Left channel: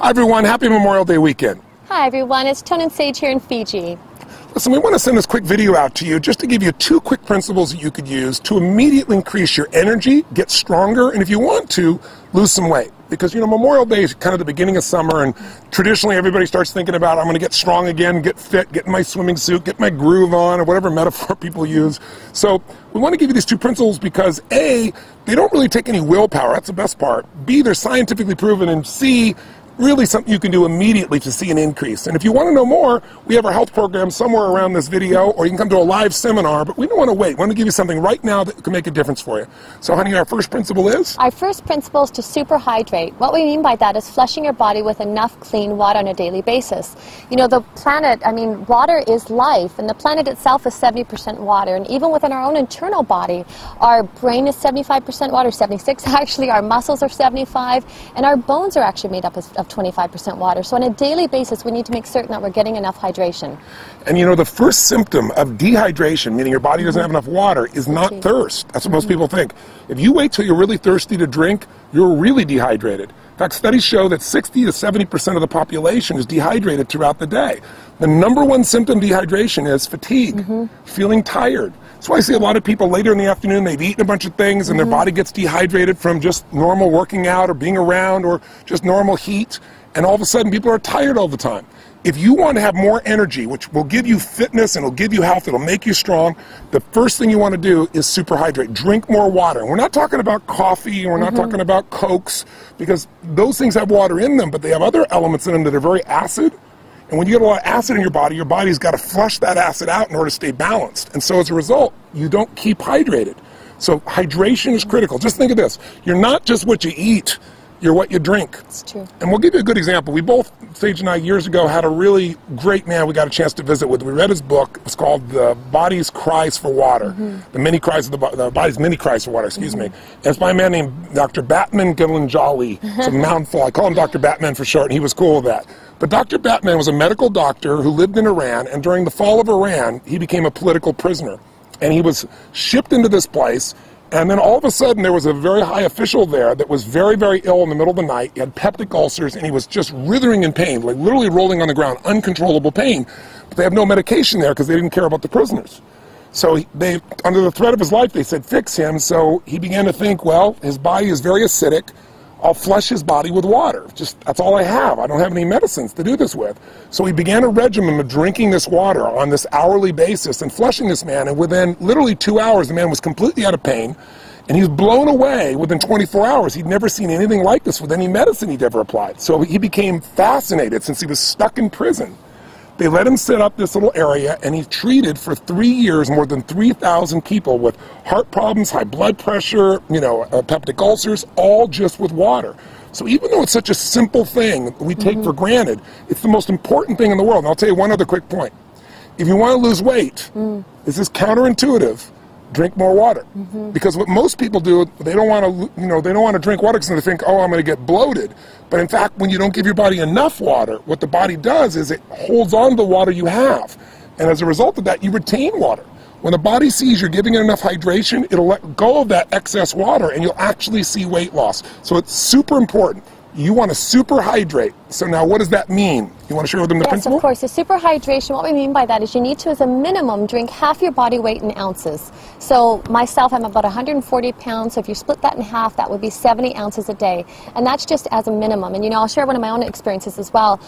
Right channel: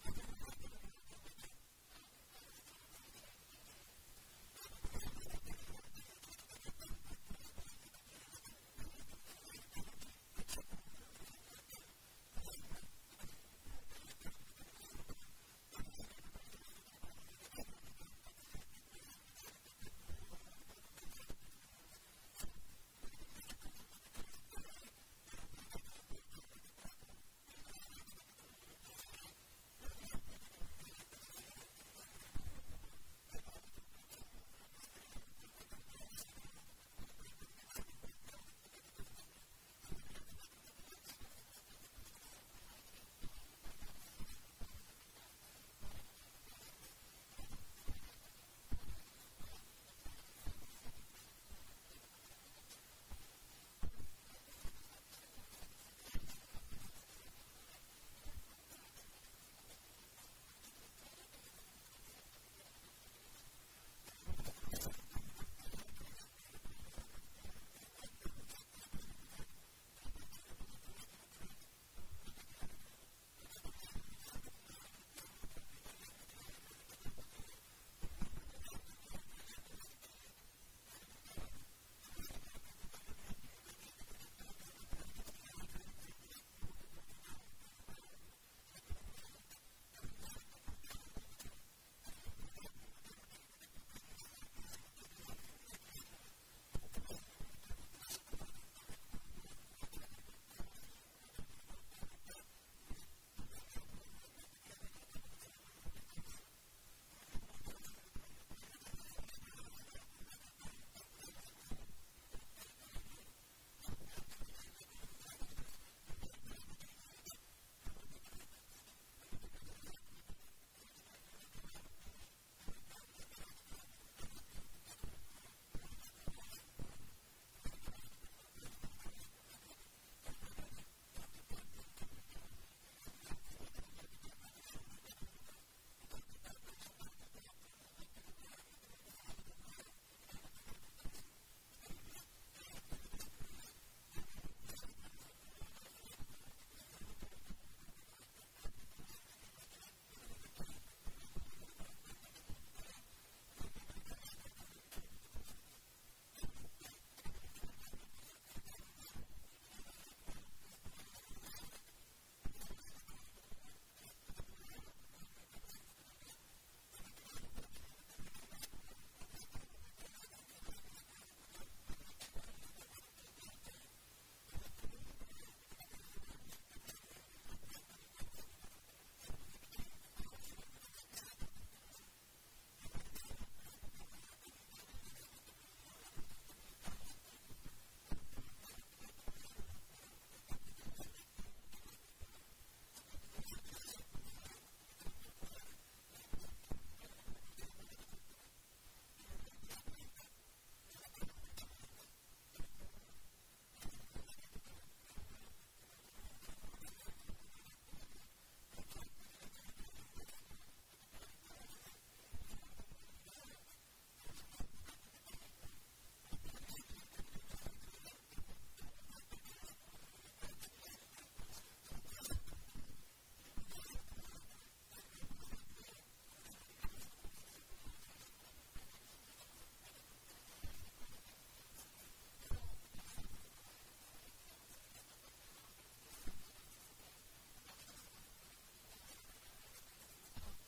Hi everyone, happy Memorial Day weekend. Hi everyone, it's Tone and Sage here in Fiji. Listen, we want to send this quick video out to you just to give you 2 quick principles that you could use to immediately increase your energy, get stronger, and if you want to, lose some weight. Because, you know, Memorial Day is kind of the beginning of summer, and traditionally everybody starts thinking about, I'm going to get strong again, get fit, get in my swimming suit, get my groove on, or whatever metaphor people use. So we want to give you these 2 principles because A, they don't really take any willpower, that's the best part. B, they're scientifically proven, and C, really something you can do immediately to see an increase. And if you want to know more, we have our health program somewhere around this video, or you can come to a live seminar, but we don't want to wait. We want to give you something right now that can make a difference for you. So honey, our first principle is? Our first principle is to super hydrate. What we mean by that is flushing your body with enough clean water on a daily basis. You know, the planet, I mean, water is life, and the planet itself is 70% water, and even within our own internal body, our brain is 75% water, 76 actually, our muscles are 75, and our bones are actually made up of 25% water. So on a daily basis, we need to make certain that we're getting enough hydration. And you know, the first symptom of dehydration, meaning your body doesn't have enough water, is not thirst. That's what most people think. If you wait till you're really thirsty to drink, you're really dehydrated. In fact, studies show that 60 to 70% of the population is dehydrated throughout the day. The #1 symptom of dehydration is fatigue, feeling tired. That's why I see a lot of people later in the afternoon, they've eaten a bunch of things and their body gets dehydrated from just normal working out or being around or just normal heat. And all of a sudden people are tired all the time. If you want to have more energy, which will give you fitness and it'll give you health, it'll make you strong, the first thing you want to do is super hydrate. Drink more water. And we're not talking about coffee, and we're not talking about Cokes, because those things have water in them, but they have other elements in them that are very acid. And when you get a lot of acid in your body's got to flush that acid out in order to stay balanced. And so as a result, you don't keep hydrated. So hydration is critical. Just think of this. You're not just what you eat, you're what you drink. It's true. And we'll give you a good example. We both, Sage and I, years ago, had a really great man we got a chance to visit with. We read his book. It's called The Body's Cries for Water. The Body's Many Cries for Water, excuse me. And it's by a man named Dr. Batman Gilanjali. It's a mouthful. I call him Dr. Batman for short, and he was cool with that. But Dr. Batman was a medical doctor who lived in Iran, and during the fall of Iran, he became a political prisoner. And he was shipped into this place, and then all of a sudden there was a very high official there that was very, very ill in the middle of the night. He had peptic ulcers, and he was just writhing in pain, like literally rolling on the ground, uncontrollable pain. But they have no medication there because they didn't care about the prisoners. So they, under the threat of his life, they said, fix him. So he began to think, well, his body is very acidic. I'll flush his body with water. Just, that's all I have. I don't have any medicines to do this with. So he began a regimen of drinking this water on this hourly basis and flushing this man. And within literally 2 hours, the man was completely out of pain. And he was blown away within 24 hours. He'd never seen anything like this with any medicine he'd ever applied. So he became fascinated since he was stuck in prison. They let him set up this little area, and he treated for 3 years more than 3,000 people with heart problems, high blood pressure, you know, peptic ulcers, all just with water. So even though it's such a simple thing we take for granted, it's the most important thing in the world. And I'll tell you one other quick point. If you want to lose weight, this is counterintuitive. Drink more water, because what most people do, they don't want to, they don't want to drink water because they think, oh, I'm going to get bloated. But in fact, when you don't give your body enough water, what the body does is it holds on to the water you have, and as a result of that, you retain water. When the body sees you're giving it enough hydration, it'll let go of that excess water, and you'll actually see weight loss. So it's super important. You want to super hydrate. So now what does that mean? You want to share with them the principle? Yes, of course. The super hydration, what we mean by that is you need to, as a minimum, drink half your body weight in ounces. So myself, I'm about 140 pounds, so if you split that in half, that would be 70 ounces a day. And that's just as a minimum. And, I'll share one of my own experiences as well.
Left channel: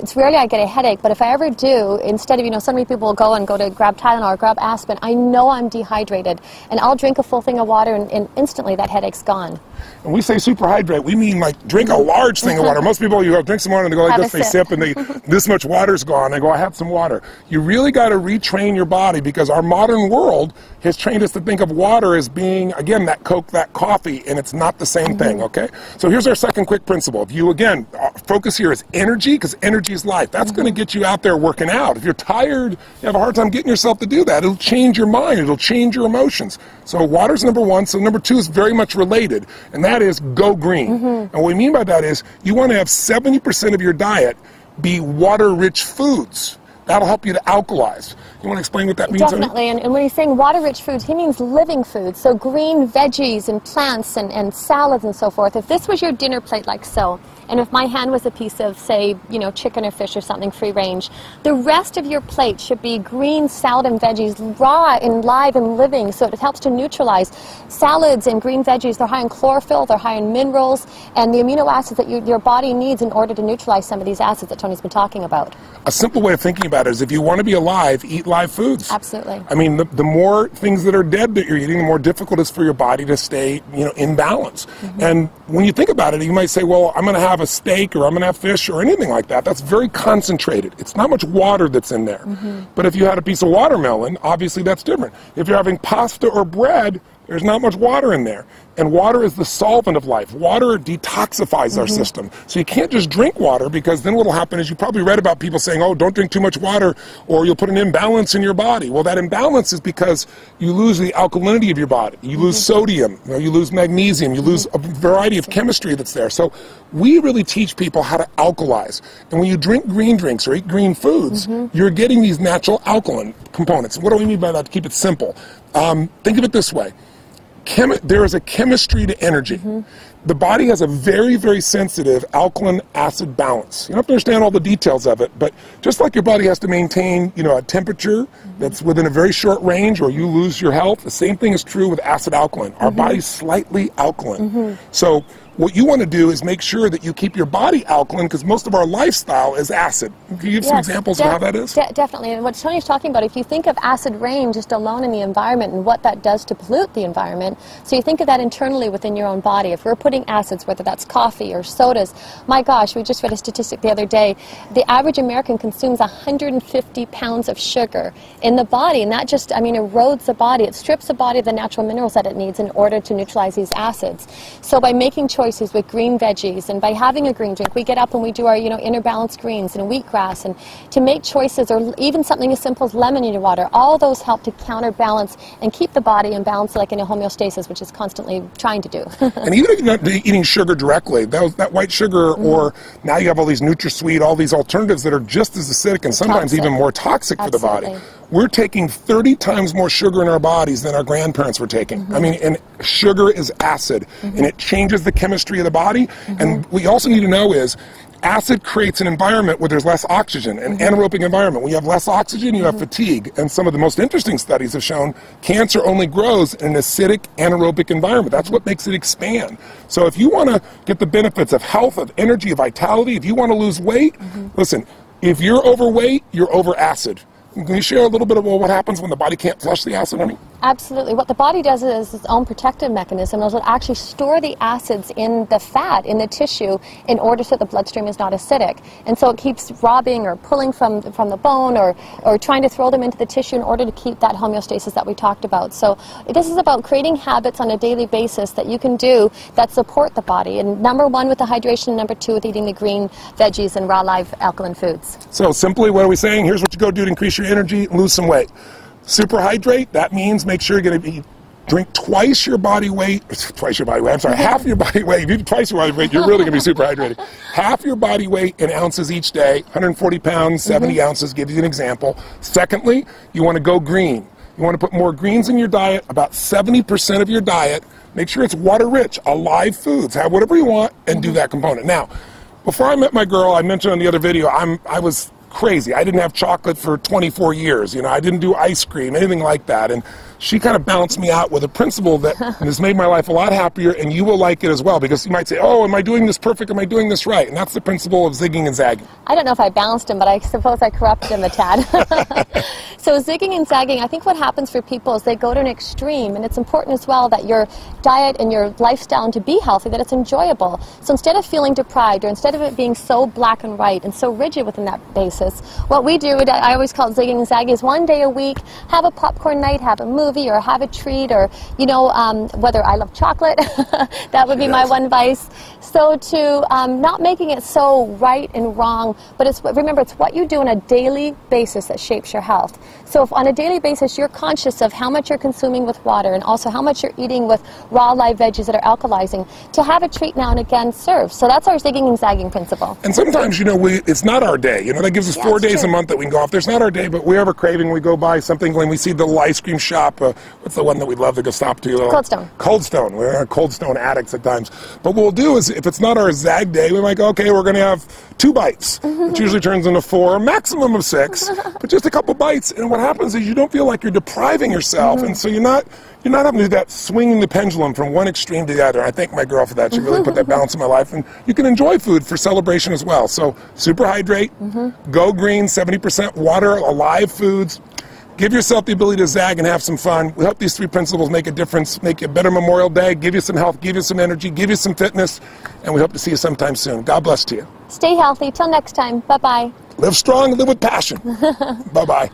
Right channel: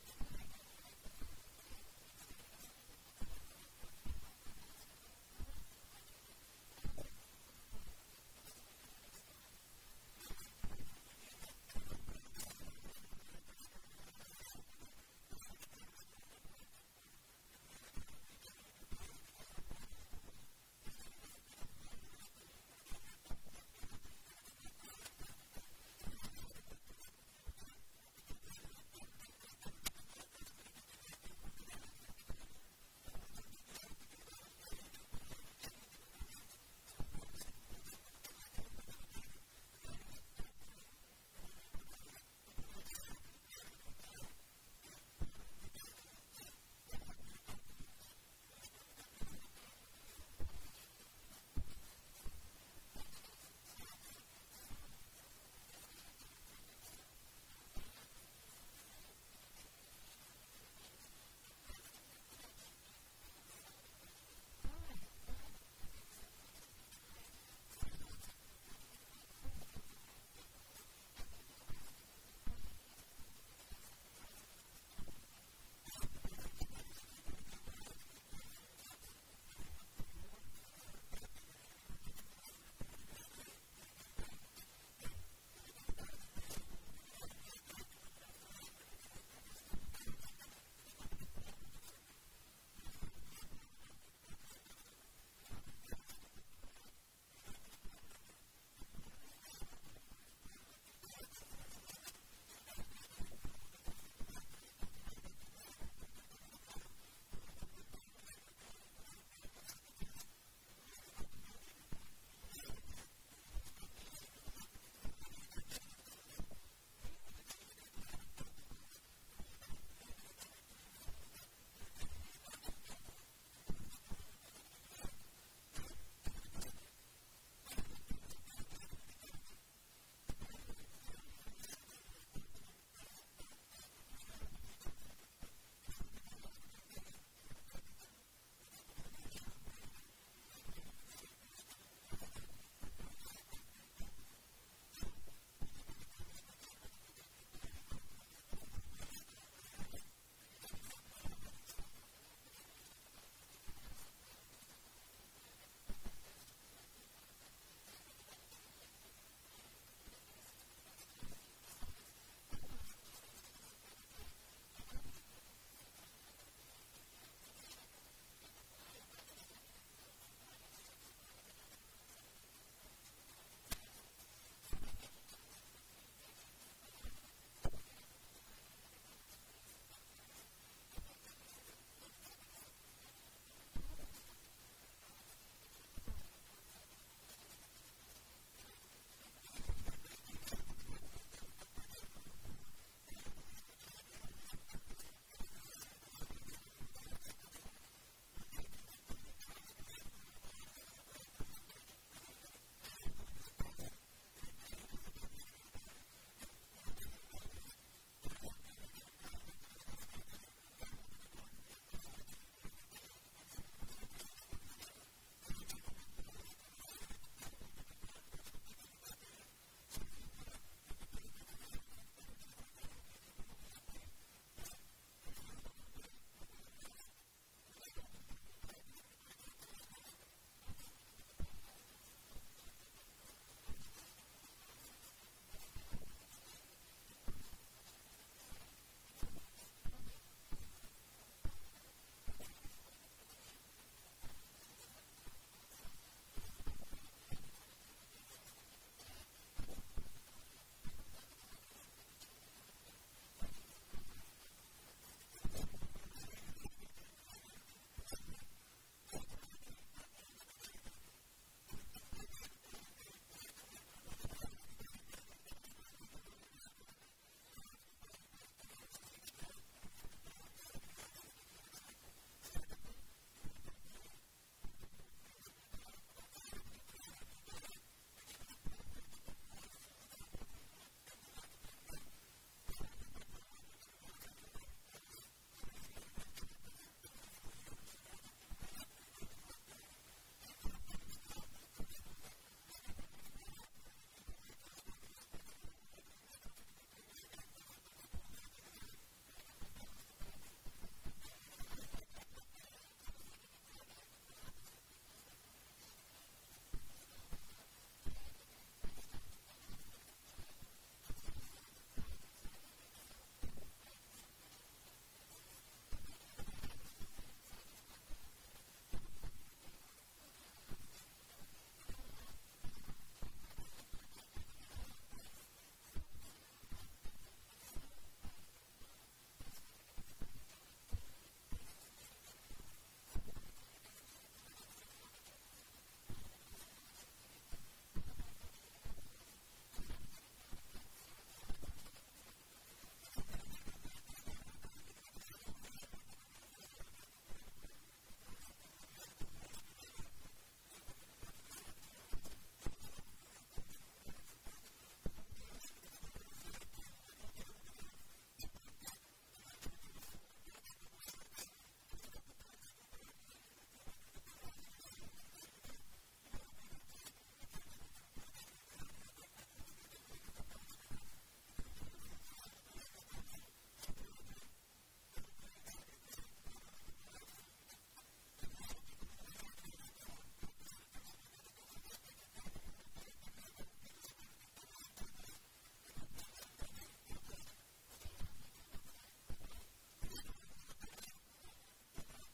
It's rarely I get a headache, but if I ever do, instead of, so many people will go to grab Tylenol or grab aspirin, I know I'm dehydrated. And I'll drink a full thing of water, and instantly that headache's gone. When we say super hydrate, we mean like drink a large thing of water. Most people, you drink some water and they go like this, they sip and this much water's gone. They go, I have some water. You really got to retrain your body, because our modern world has trained us to think of water as being, again, that Coke, that coffee, and it's not the same thing, okay? So here's our second quick principle. If you, again, focus here is energy, because energy is life. That's going to get you out there working out. If you're tired, you have a hard time getting yourself to do that. It'll change your mind. It'll change your emotions. So water's #1. So #2 is very much related, and that is go green. And what we mean by that is you want to have 70% of your diet be water-rich foods. That'll help you to alkalize. You want to explain what that means? Definitely, and when he's saying water-rich foods, he means living foods, so green veggies and plants and salads and so forth. If this was your dinner plate like so, and if my hand was a piece of, say, you know, chicken or fish or something free range, the rest of your plate should be green salad and veggies, raw and live and living, so it helps to neutralize. Salads and green veggies, they're high in chlorophyll, they're high in minerals, and the amino acids that your body needs in order to neutralize some of these acids that Tony's been talking about. A simple way of thinking about it is if you want to be alive, eat live foods. Absolutely. I mean, the more things that are dead that you're eating, the more difficult it is for your body to stay, you know, in balance. And when you think about it, you might say, well, I'm going to have a steak or I'm going to have fish or anything like that. That's very concentrated. It's not much water that's in there. But if you had a piece of watermelon, obviously that's different. If you're having pasta or bread, there's not much water in there. And water is the solvent of life. Water detoxifies our system. So you can't just drink water, because then what will happen is you probably read about people saying, oh, don't drink too much water or you'll put an imbalance in your body. Well, that imbalance is because you lose the alkalinity of your body. You lose sodium, you know, you lose magnesium, you lose a variety of chemistry that's there. So we really teach people how to alkalize. And when you drink green drinks or eat green foods, you're getting these natural alkaline components. What do we mean by that, to keep it simple? Think of it this way. There is a chemistry to energy. The body has a very, very sensitive alkaline acid balance. You don't have to understand all the details of it, but just like your body has to maintain, you know, a temperature that's within a very short range or you lose your health, the same thing is true with acid alkaline. Our body's slightly alkaline. So what you want to do is make sure that you keep your body alkaline, because most of our lifestyle is acid. Can you give some examples of how that is? Definitely. And what Tony's talking about, if you think of acid rain just alone in the environment and what that does to pollute the environment, so you think of that internally within your own body. If we're putting acids, whether that's coffee or sodas, my gosh, we just read a statistic the other day, the average American consumes 150 pounds of sugar in the body, and that just, I mean, erodes the body. It strips the body of the natural minerals that it needs in order to neutralize these acids. So by making choices with green veggies and by having a green drink, we get up and we do our, you know, inner balanced greens and wheatgrass, and to make choices, or even something as simple as lemon in your water, all those help to counterbalance and keep the body in balance, like in a homeostasis, which is constantly trying to do. And even if you're not eating sugar directly, that white sugar, or now you have all these NutraSweet, all these alternatives that are just as acidic and sometimes even more toxic for the body. We're taking 30 times more sugar in our bodies than our grandparents were taking. I mean, and sugar is acid, and it changes the chemistry of the body. And what you also need to know is acid creates an environment where there's less oxygen, an anaerobic environment. When you have less oxygen, you have fatigue. And some of the most interesting studies have shown cancer only grows in an acidic anaerobic environment. That's what makes it expand. So if you want to get the benefits of health, of energy, of vitality, if you want to lose weight, listen, if you're overweight, you're over acid. Can you share a little bit about what happens when the body can't flush the acid, honey? Absolutely. What the body does is its own protective mechanism. It'll actually store the acids in the fat, in the tissue, in order so the bloodstream is not acidic. And so it keeps robbing or pulling from the bone, or trying to throw them into the tissue in order to keep that homeostasis that we talked about. So this is about creating habits on a daily basis that you can do that support the body. And number one with the hydration, number two with eating the green veggies and raw live alkaline foods. So simply, what are we saying? Here's what you go do to increase your energy and lose some weight. Superhydrate, that means make sure you're going to drink twice your body weight, half your body weight. If you do twice your body weight, you're really going to be super hydrated. Half your body weight in ounces each day, 140 pounds, 70 ounces, give you an example. Secondly, you want to go green. You want to put more greens in your diet, about 70% of your diet. Make sure it's water-rich, alive foods. Have whatever you want and do that component. Now, before I met my girl, I mentioned on the other video, I was crazy. I didn't have chocolate for 24 years. You know, I didn't do ice cream, anything like that. And she kind of balanced me out with a principle that has made my life a lot happier, and you will like it as well, because you might say, oh, am I doing this perfect? Am I doing this right? And that's the principle of zigging and zagging. I don't know if I balanced him, but I suppose I corrupted him a tad. So zigging and zagging, I think what happens for people is they go to an extreme, and it's important as well that your diet and your lifestyle, and to be healthy, that it's enjoyable. So instead of feeling deprived, or instead of it being so black and white and so rigid within that basis, what we do, I always call it zigging and zagging, is one day a week, have a popcorn night, have a movie, or have a treat, or, you know, whether I love chocolate, that would be my one vice. So to not making it so right and wrong, but remember, it's what you do on a daily basis that shapes your health. So if on a daily basis you're conscious of how much you're consuming with water, and also how much you're eating with raw live veggies that are alkalizing, to have a treat now and again serves. So that's our zigging and zagging principle. And sometimes, you know, it's not our day. You know, that gives us 4 days a month that we can go off. There's not our day, but we have a craving, we go by something, when we see the little ice cream shop, what's the one that we love to go stop to? Cold Stone. Cold Stone. We're Cold Stone addicts at times. But what we'll do is, if it's not our Zag day, we might go, okay, we're going to have 2 bites, which usually turns into 4, maximum of 6, but just a couple bites. And what happens is you don't feel like you're depriving yourself, and so you're not having to do that swinging the pendulum from one extreme to the other. I thank my girl for that. She really put that balance in my life. And you can enjoy food for celebration as well. So super hydrate, go green, 70% water, alive foods. Give yourself the ability to zag and have some fun. We hope these 3 principles make a difference, make you a better Memorial Day, give you some health, give you some energy, give you some fitness, and we hope to see you sometime soon. God bless to you. Stay healthy. Till next time. Bye-bye. Live strong, live with passion. Bye-bye.